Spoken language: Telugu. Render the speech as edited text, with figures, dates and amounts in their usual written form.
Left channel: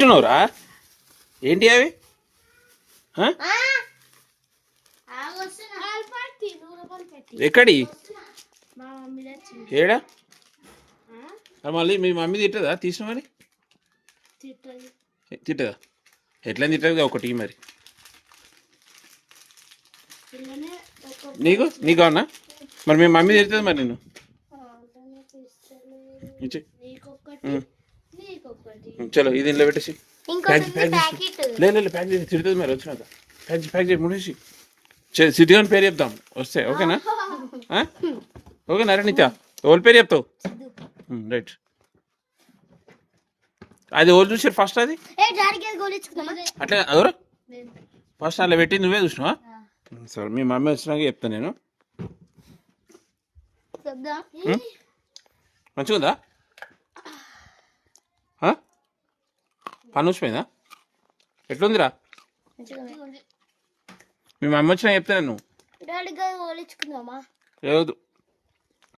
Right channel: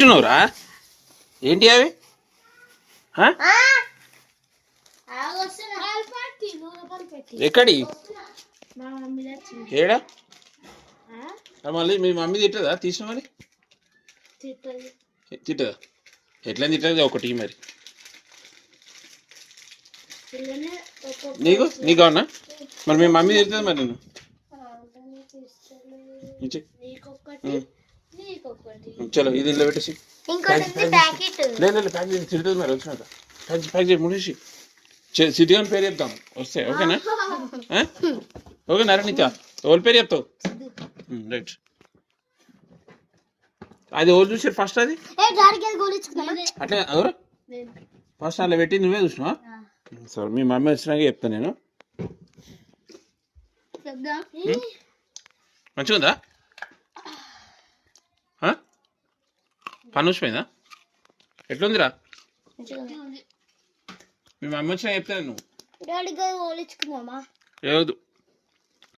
తింటున్నావురా? ఏంటి అవి? ఎక్కడి ఏడా? మళ్ళీ మీ మమ్మీ తిట్టదా తీసినామని? తిట్టదా? ఎట్లా తిట్టదు ఒకటి మరి. నీకు అవునా? మరి మీ మమ్మీ తిడుతుంది మరి నిన్ను. చలో ఇది ఇంట్లో పెట్టేసి లేదు ప్యాక్ చేసి తిడుతుంది మరి వచ్చినాక. ప్యాక్ చేసి ముడిసి సిద్ధిగాని పేరు చెప్తాం వస్తే. ఓకేనా? ఓకేనా నిత్య? ఓళ్ళ పేరు చెప్తావు? రైట్. అది ఓళ్ళు చూసారు ఫస్ట్. అది అట్లా ఎవరు ఫస్ట్ అట్లా పెట్టి నువ్వే చూసినావా? సరే మీ మమ్మీ వచ్చినాక చెప్తాను నేను. మంచిగా ఉందా? పని వచ్చిపోయిందా? ఎట్లుందిరా? మీ మమ్మీ వచ్చినా చెప్తాను. నువ్వు లేదు